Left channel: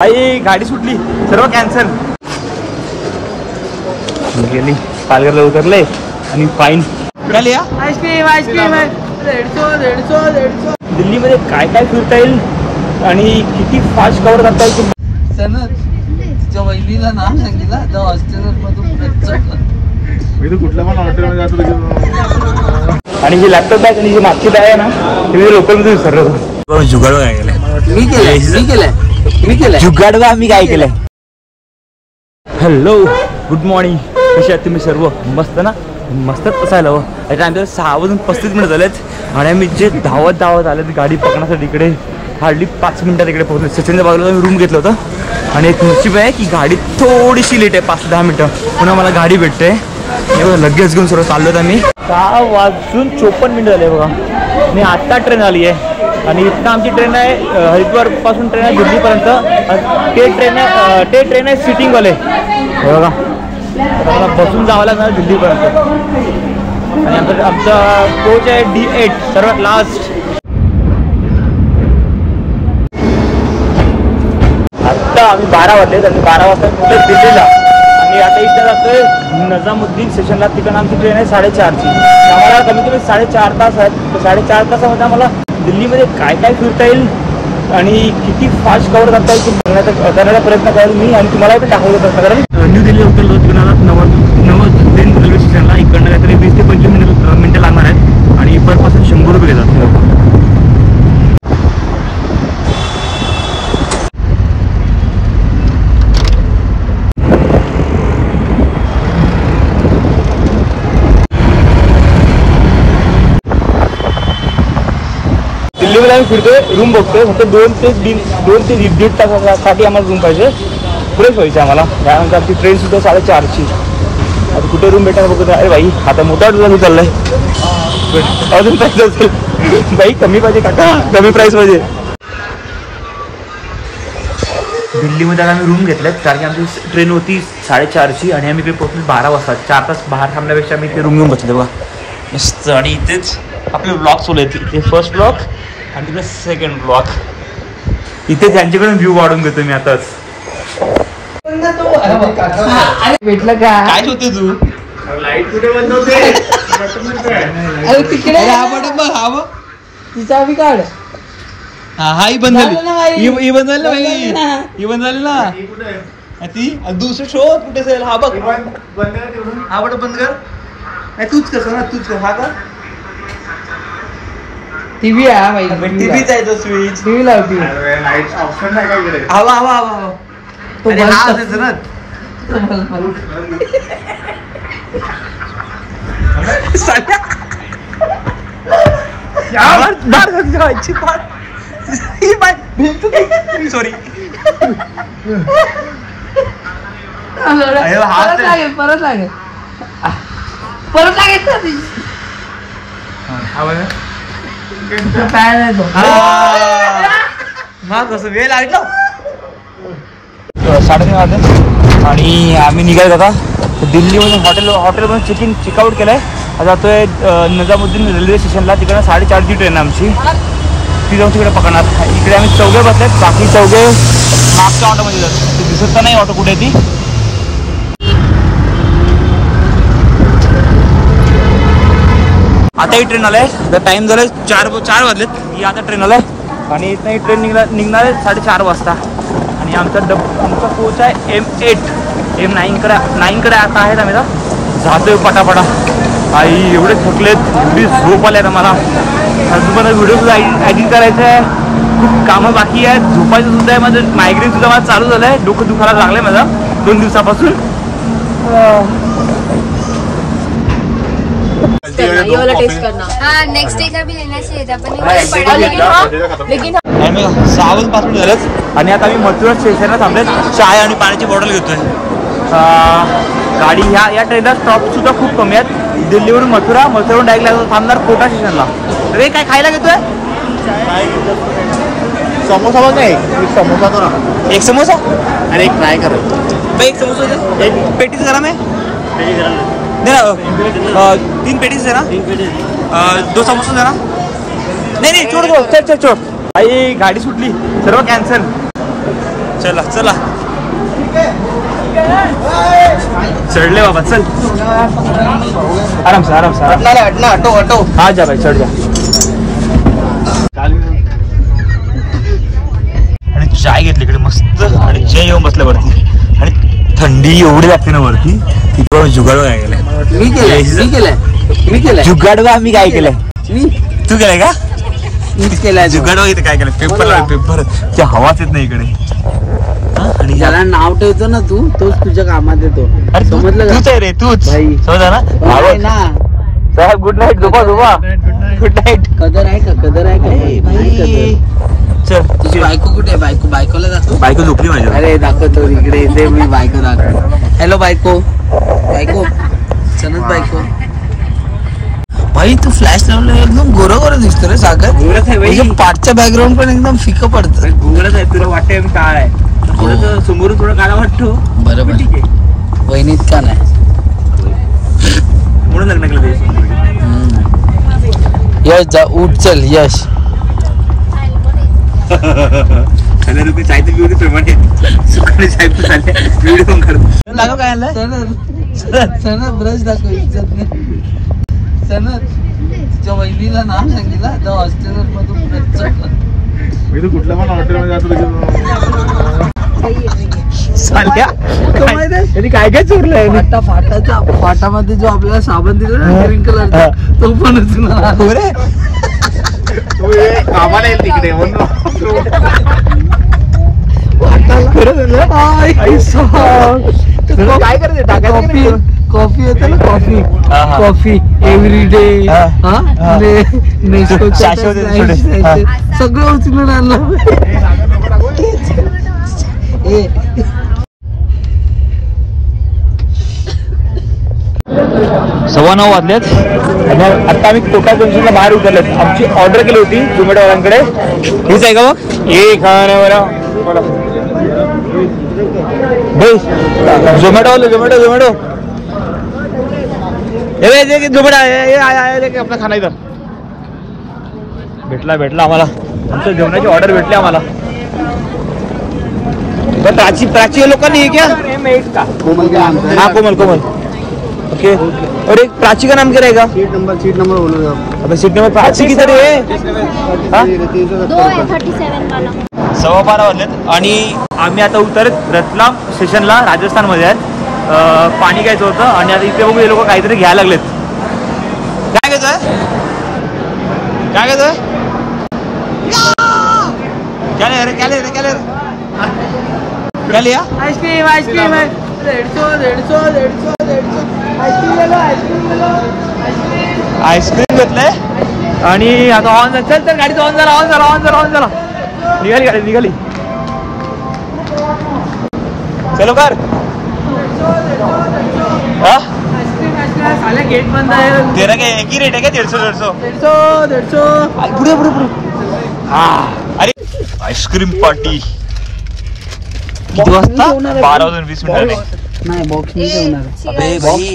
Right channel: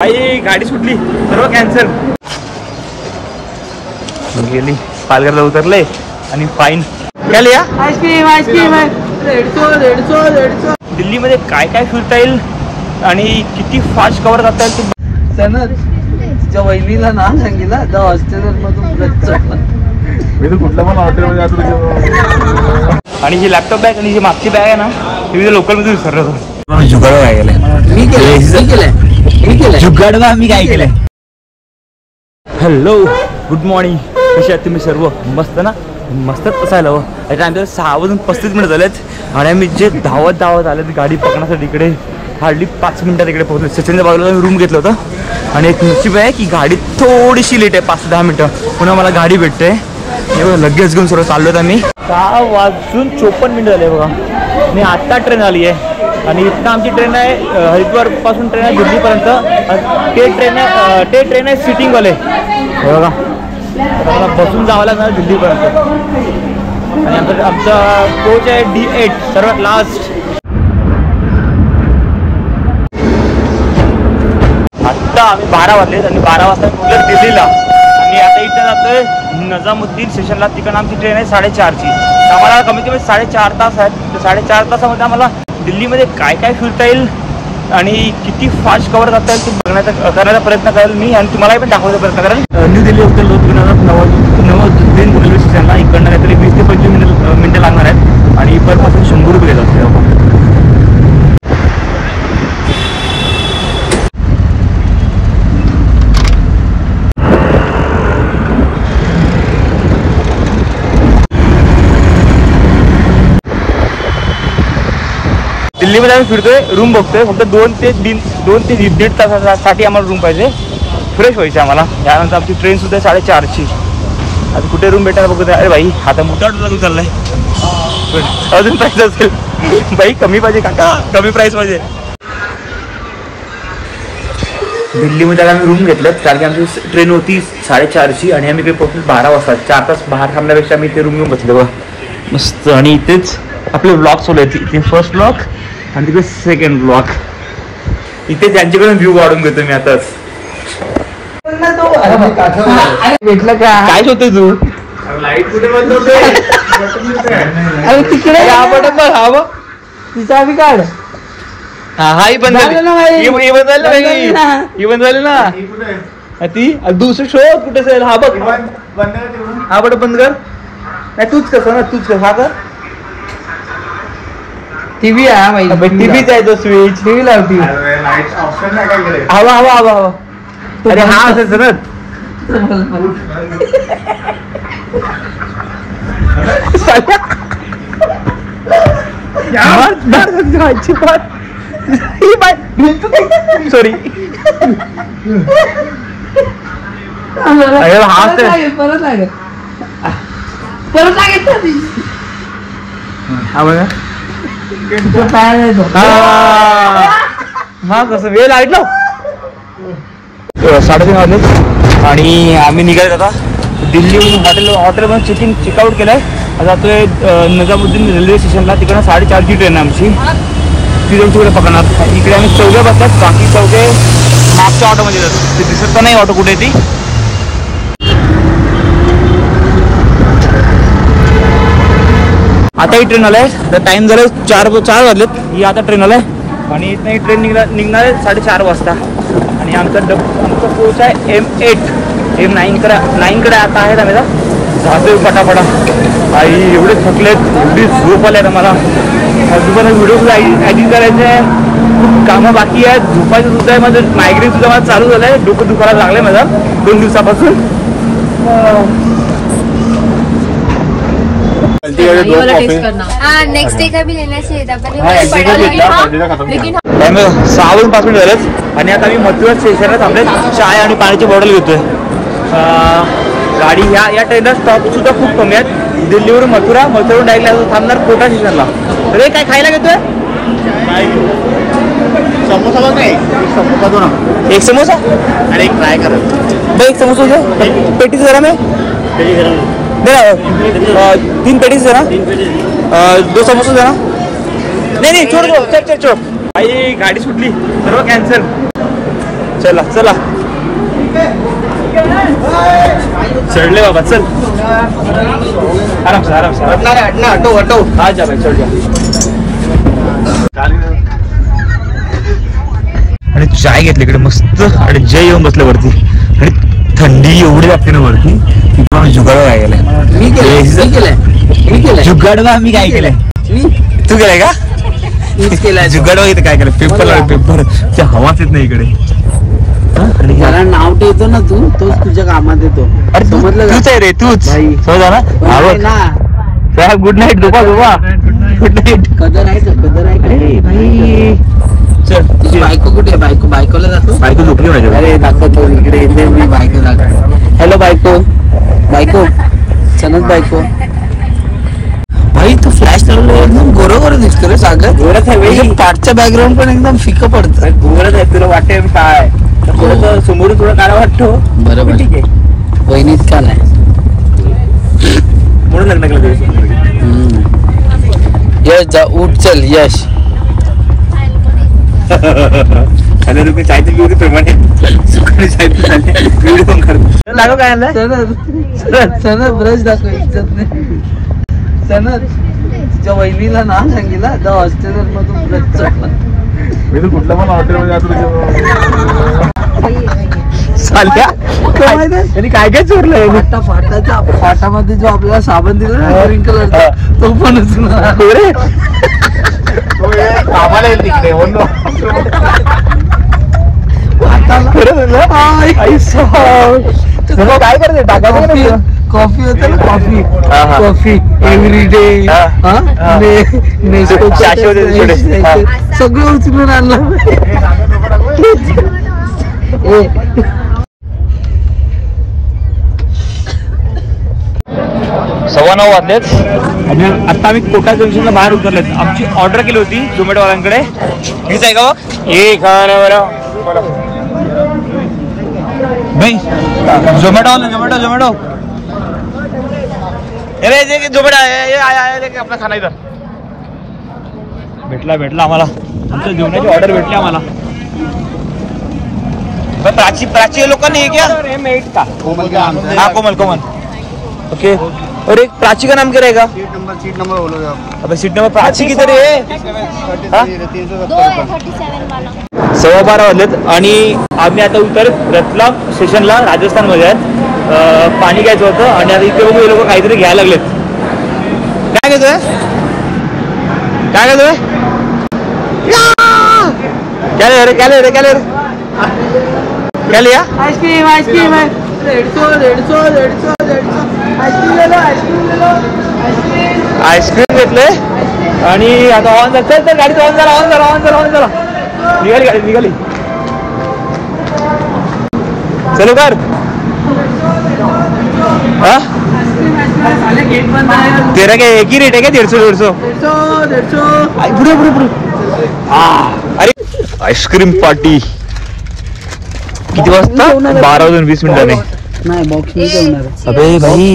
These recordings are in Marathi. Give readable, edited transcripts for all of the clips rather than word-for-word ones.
आई गाडी सुटली, सर्व कॅन्सल. गेली पालघरला उतरले आणि फाईन काय लिहा. Ice cream ice cream 150. दिल्लीमध्ये काय काय फिरता येईल आणि किती फास्ट कव्हर करता येईल तुम्हाला. तिच्या वहिनीला नाव सांगितलं तर हॉस्टेलर मधून मी तर कुठल्या पण हॉटेलमध्ये जातो. आणि ही लॅपटॉप बॅग आणि जी मागची बॅग आहे ना ती मी लोकलमध्ये विसरलो. जुगाडवा काय केलंय जुगाडवा आम्ही काय केलंय. हॅलो गुड मॉर्निंग, कसे आहात तुम्ही सर्व. मस्त ना, मस्तच असायला हवं. आता आमच्या 6:35 झालेत आणि आम्ही जे धावत आलेत गाडी पकडण्यासाठी इकडे हार्डली 5 मिनिटात इकडे पोहोचलो. सचिनच्या बाजूला मी रूम घेतलं होतं आणि एक नशीब आहे की गाडी थोडीशी लेट आहे, 5 ते 10 मिनिटं. पुन्हा मला गाडी भेटते. लगेच घेऊन सर्व चाललो होतो आम्ही. 6:54 झाले बघा. आणि आत्ता ट्रेन आली आहे आणि इथं आमची ट्रेन आहे हरिद्वार पासून ट्रेन आहे दिल्लीपर्यंत. ते ट्रेन आहे सिटिंगवाले बघा. मला बसून जावं लागणार दिल्लीपर्यंत. आणि आमचा कोच आहे D8 सर्वात लास्ट. आत्ता आम्ही 12 वाजले आणि 12 वाजता पोहोचत दिल्लीला. आणि आता इथं जातोय नजामुद्दीन स्टेशनला. तिकडं आमची ट्रेन आहे 4:30ची. आम्हाला कमीत कमी 4.5 तास आहेत. तर 4.5 तासामध्ये आम्हाला दिल्लीमध्ये काय काय फिरता येईल आणि किती फास्ट कव्हर करता येईल करण्याचा प्रयत्न करेल मी आणि तुम्हालाही पण दाखवायचा प्रयत्न करेल. न्यू दिल्ली उतरलो तिकडं नवाजुद्दीन रेल्वे स्टेशनला. इकडनं काहीतरी 20 ते 25 मिनिटं लागणार आहेत आणि पर पर्सन 100 रुपये घेतात. दिल्लीमध्ये आम्ही फिरतोय, रूम बघतोय. फक्त 2 ते 1.5 तासासाठी आम्हाला रूम पाहिजे. फ्रेश व्हायचं आम्हाला. त्यानंतर आमची ट्रेन सुद्धा 4:30ची. आता कुठे रूम भेटायला बघतोय. अरे भाई आता मोठा तुझा मी चाललंय. अजून प्राईस असेल बाई, कमी पाहिजे का, कमी प्राईस पाहिजे. दिल्लीमध्ये आता आम्ही रूम घेतल्यात कारण की आमची ट्रेन होती 4:30ची आणि आम्ही काही पोहोचलो 12 वाजता. 4 तास बाहेर थांबल्यापेक्षा आम्ही इथे रूम घेऊन बसले बघा मस्त. आणि इथेच आपले ब्लॉग चालू आहेत. इथे फर्स्ट ब्लॉग आणि तिकडे सेकंड ब्लॉक. इथे त्यांच्याकडून व्ह्यू वाढून घेतो मी आताच. काय होते तू लाईट कुठे बंद होते. हा बटन बघ, हा बघ तिचा बी काढ. हा ही बंद झाली, ही बंद झाली ना, ही बंद झाली ना ती. दुसरं शो कुठे असेल. हा बघ हा बटन बंद कर. नाही तूच कसं ना, तूच कसं. हा कर टीव्ही आहे, टीव्हीच आहे तो स्विच. टीव्ही लावती. हवा हवा हवा हवा. अरे हा असेल ना. सॉरी परत लागेल कसं वेळ लागला. 3:30 वाजले आणि आम्ही निघालो आता दिल्लीमधून. हॉटेलमधून चेकआउट केलंय. आता जातोय नजामुद्दीन रेल्वे स्टेशनला. तिकडनं 4:30ची ट्रेन आहे आमची. ती जाऊन तिकडे पकडणार. इकडे आम्ही 4 बसल्यात. बाकी 4 मागच्या ऑटोमध्ये जातात. ते दिसत तर नाही ऑटो कुठे ती. आता ही ट्रेन आलाय. तर टाइम झालाय 4 वाजलेत. ही आता ट्रेन आलाय आणि इथं ही ट्रेन निघणार आहे 4:30 वाजता. आणि आमचा कोच आहे M9 कडे आता आहेत. आम्ही जातोय पटापटा. आई एवढे थकलेत, एवढी झोप आली आहे मला. दुपारला व्हिडिओ सुद्धा एडिट करायचं आहे. खूप कामं बाकी आहेत. झोपायचं सुद्धा आहे. माझं मायग्रेन सुद्धा मला चालू झालं आहे. डोकं दुखायला लागलं आहे माझं 2 दिवसापासून. नेक्स्ट डे का भी लेना चाहिए था आम्ही 6:05 झालंच आणि आता आम्ही मथुरा स्टेशनला थांबले. चाय आणि पाण्याची बॉटल घेतोय. गाडी या ट्रेनला स्टॉप सुद्धा खूप कमी आहेत. दिल्लीवरून मथुरावरून डायरेक्ट थांबणार कोटा स्टेशनला. तर काय खायला घेतोय. समोसा बघ. समोसा दो ना. एक समोसा. अरे काय करत भाई एक समोसा दे. पेटीस गरम आहे. दे ना 3 पेटीस दे ना. 2 समोसा दे ना. नाही छोड़ दो. चल. आई गाडी सुटली, सर्व कॅन्सल. चला चला चढले बाबा चल आराम से आराम से ऑटो ऑटो हाँ जा भाई चढ़ जा आणि चाय घेतली इकडे मस्त आणि जय येऊन बसल्या वरती आणि थंडी एवढी लागते ना वरती की बाबा जुगाड काय केलंय मी केलंय जुगाड आम्ही काय केलंय तू केलंय का मीच केलाय जुगाड इथे काय केलं पेपर ते हवाच येत नाही इकडे आणि मला नाव ठेवतो ना तू तोच तुझ्या कामात येतो समजलं का? तूच आहे रे तूच भाई. समजा ना नाही ना गुड नाईट झोपा गुड नाईट कदर आहे चल तुझी बायको कुठे आहे? बायकोला दाखव बायको झोपली माझ्या अरे दाखवतो इकडे इथे मी बायको दाखव हॅलो बायको सनत बायको भाई तू फ्लॅश लावलं एकदम गोरं दिसतो रे सागर गोरच आहे भाई पाठचा बॅकग्राऊंड पण एकदम फिकं पडतं गोरच आहे तुला वाटतंय मी काय आहे थोडं समोरून थोडं काळा वाटतो बरोबर ठीक आहे वहिनीत का नाही म्हणून लग्न केलं तुझ्यासोबत. यश जा उठ चल यश आणि तुम्ही चायचं पिऊ प्रमाणे सुखाने चाय पिऊ व्हिडिओ पण करतो लागो काय आणलं सनत ब्रश दाखव इज्जत नाही सनत तिच्या वहिनीला नाव सांगितलं आता हॉस्टेलर मधून ब्रश चढला मी तर कुठल्या पण हॉटेलमध्ये जातो त्यांनी काय काय चोरलंय फाटामध्ये जो आपल्याला साबण दिला ना ग्रीन कलरचा तो पण उचलून आम्हाला येत तिकडे काय करते टाकायचं कॉफी होते ना कॉफी हा, हा. कॉफी एव्हरी डे हा. सगळं उचलून आणलं सव्वा 9 वाजलेत आणि आता आम्ही कोटा जंक्शनला बाहेर उतरलेत आमची ऑर्डर केली होती झोमॅटो वाल्यांकडे हीच आहे का मग ये भाई झोमॅटो आपला खाना इथं भेटला आम्हाला आमच्या जेवणाची ऑर्डर भेटली आम्हाला प्राची लोकांनी हे क्या हाँ कोमल ओके अरे प्राची का नाम क्या रहेगा सीट नंबर बोलेगा अब सीट नंबर प्राची किधर है 12:15 वाजलेत आणि आम्ही आता उतरत रतलाम स्टेशनला राजस्थान मध्ये आहेत पाणी घ्यायचं होतं आणि आता इथे बघू हे लोक काहीतरी घ्यायला लागलेत काय घेतोय क्या लिया आईस्क्रीम 150 आईस्क्रीम घेतलंय आणि आता ऑन चल तर गाडीचं ऑन झाला निघाली चलो कर गेट बंद आहे तेरा क्या एक ही रेट है क्या 150 पुढे अरे आईस्क्रीम पार्टी किती वाजता 12:20 नाही बॉक्स मी जेवणार अबे भाई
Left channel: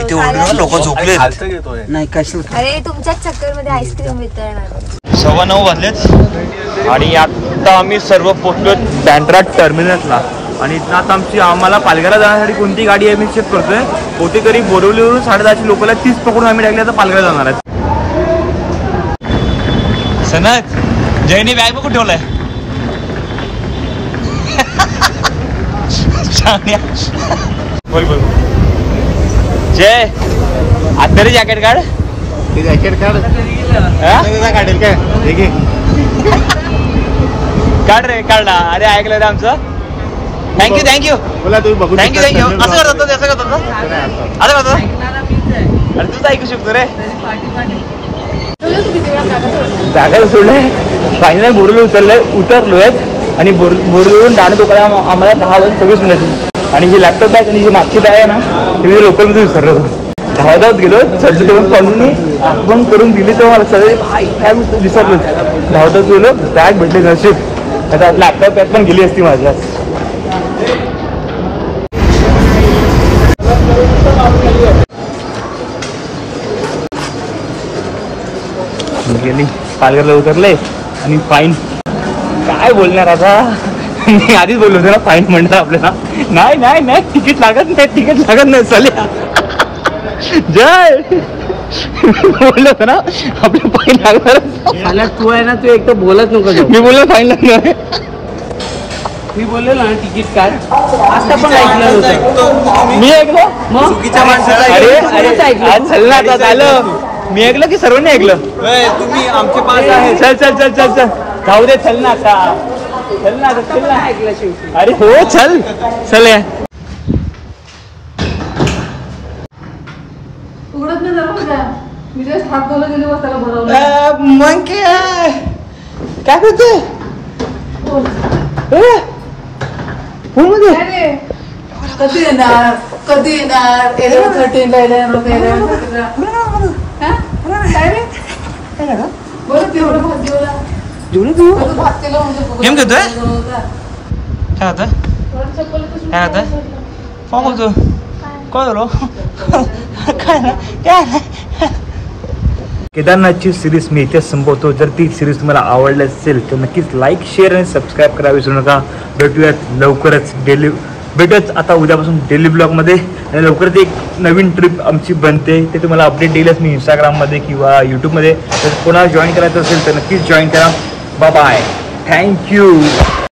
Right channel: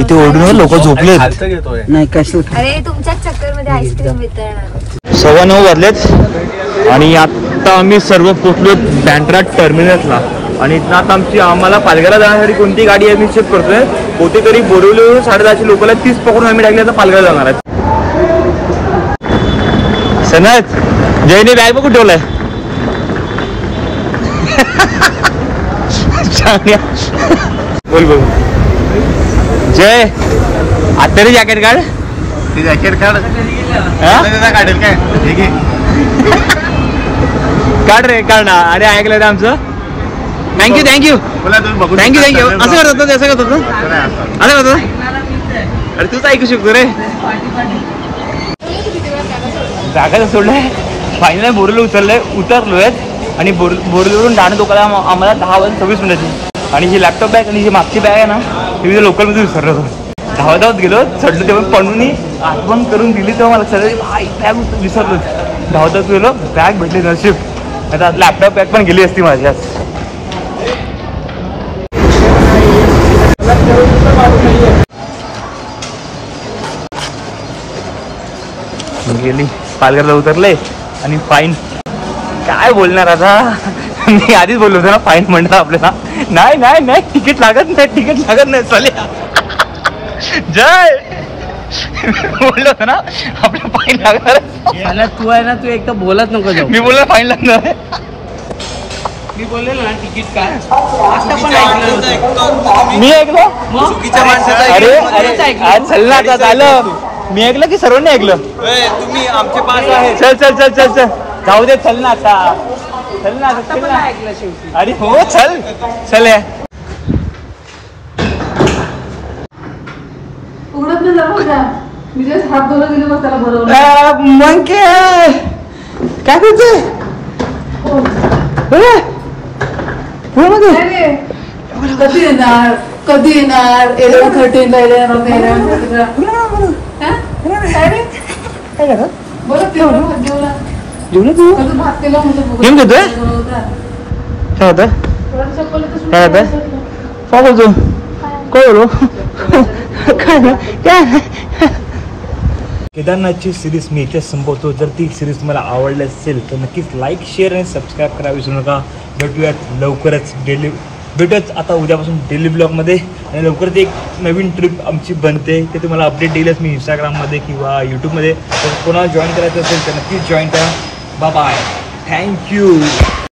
इथे ओरडून लोक झोपलेत नाही कसं अरे तुमच्या चक्कर मध्ये आईस्क्रीम वितळणार 9:15 वाजलेत आणि आता आम्ही सर्व पोहोचलो बँड्रा टर्मिनसला आणि इथं आता आम्हाला पालघरला जाण्यासाठी कोणती गाडी आहे मी चेक करतोय कोणती तरी बोरिवलीवरून 10:30 लोकला 30 पकडून आम्ही टाकली आता पालघरला जाणार आहेत सनत जयने बॅग बघून ठेवलाय बोल जय आता रे जॅकेट काढ काढ रे काढ ना अरे ऐकलं रे आमचं थँक्यू असं करत होतं असं अरे तूच ऐकू शकतो रे जागा सोडलंय फायनल बोरवलं उतरलोय आणि बोरवरून डाणं टोकाला आम्हाला 10:26 आणि ही लॅपटॉप बॅग आणि ही मागची बॅग आहे ना ती मी लोकलमध्ये विसरलो होतो धावत गेलो चढलो तेव्हा पडून आठवण करून दिली तेव्हा मला लक्षात भाई बॅग विसरलो धावत गेलो बॅग भेटली नशीब आता लॅपटॉप बॅग पण गेली असती माझ्या गेली पालघरला उतरले आणि फाईन काय बोलणार आता मी आधीच बोललो होतो ना फाईन म्हणलं आपल्याला. नाही तिकीट लागत नाही चालेल. जय बोललो होतो ना आपलं फाईन लागणार. मला तू आहे ना, तू एक तर बोलत नको जाऊ. मी बोललो फाईन लागणार. मी बोललेलो ना तिकीट काय आता पण ऐकलं होतं. मी ऐकलं मग अरे कोणाचं ऐकलं? चल ना आता झालं. मी ऐकलं की सर्वांनी ऐकलं. तुम्ही आमचे पास आहे. चल जाऊ दे. चल ना आता चल ना. अरे हो चल या. उघडत नाही जमा का मी जे हात धुवला गेले मग त्याला भरवलं. मग काय करते. काय रे? कधी येणार एअरपोर्ट बरं तेवढं भाग्यवला जेवलं तू कसं भात केलं म्हणजे गेम घेतोय. बनवता. काय होतं काय बोलू काय. केदारनाथची सिरीज मी इथेच संपवतो. जर ती सिरीज तुम्हाला आवडली असेल तर नक्कीच लाईक शेअर आणि सबस्क्राईब करा विसरू नका. भेटूयात लवकरच भेटूयात आता उद्यापासून डेली ब्लॉगमध्ये. आणि लवकरच एक नवीन ट्रिप आमची बनते ते तुम्हाला अपडेट देईलच मी इंस्टाग्राममध्ये किंवा यूट्यूबमध्ये. जर कोणाला जॉईन करायचं असेल तर नक्कीच जॉईन करा. Bye thank you.